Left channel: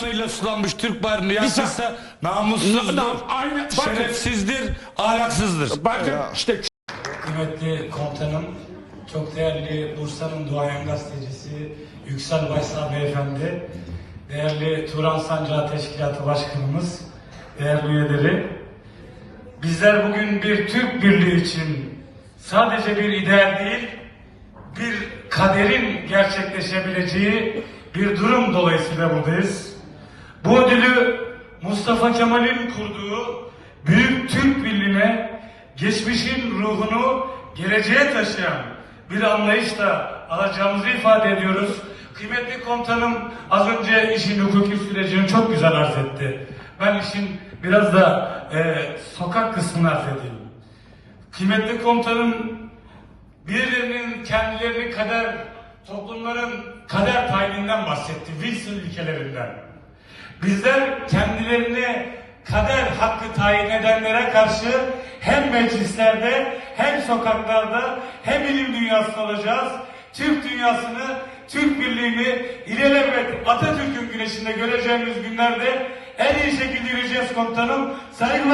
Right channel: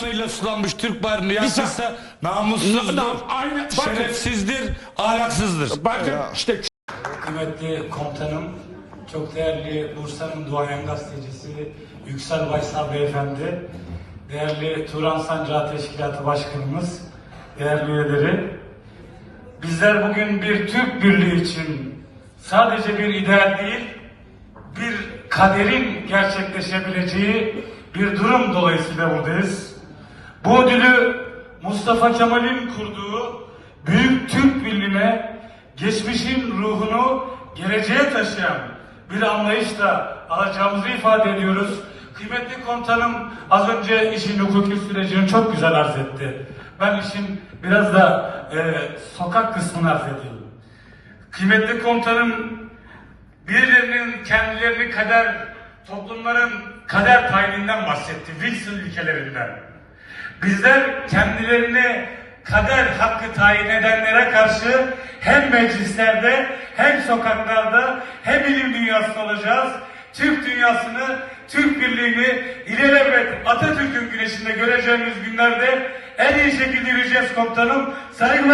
kanıyla sulanmış Türk bayrağını yakmışsa namussuzdur, Na- aynen, bakın. şerefsizdir, ahlaksızdır. Bakın işte Kıymetli komutanım, çok değerli Bursa'nın duayen gazetecisi Yüksel Baysal Beyefendi, değerli Turan Sancağı Teşkilatı Başkanımız, değerli üyeleri, bizler bugün bir Türk Birliği için sadece bir ideal değil, bir kaderin gerçekleşebileceği bir durum dolayısıyla buradayız. Bu ödülü Mustafa Kemal'in kurduğu Büyük Türk Birliği'ne geçmişin ruhunu geleceğe taşıyan bir anlayışla alacağımızı ifade ediyoruz. Kıymetli komutanım az önce işin hukuki sürecini çok güzel arz etti. Ben işin biraz da e, sokak kısmını arz edeyim. Kıymetli komutanım birilerinin kendilerini kader, toplumların kader payından bahsetti. Wilson ilkelerinden. Bizler kendilerini kader hakkı tayin edenlere karşı hem meclislerde hem sokaklarda hem ilim dünyasında olacağız. Türk dünyasını, Türk birliğini ilelebet Atatürk'ün güneşinde göreceğimiz günlerde en iyi şekilde yürüyeceğiz komutanım. Saygılar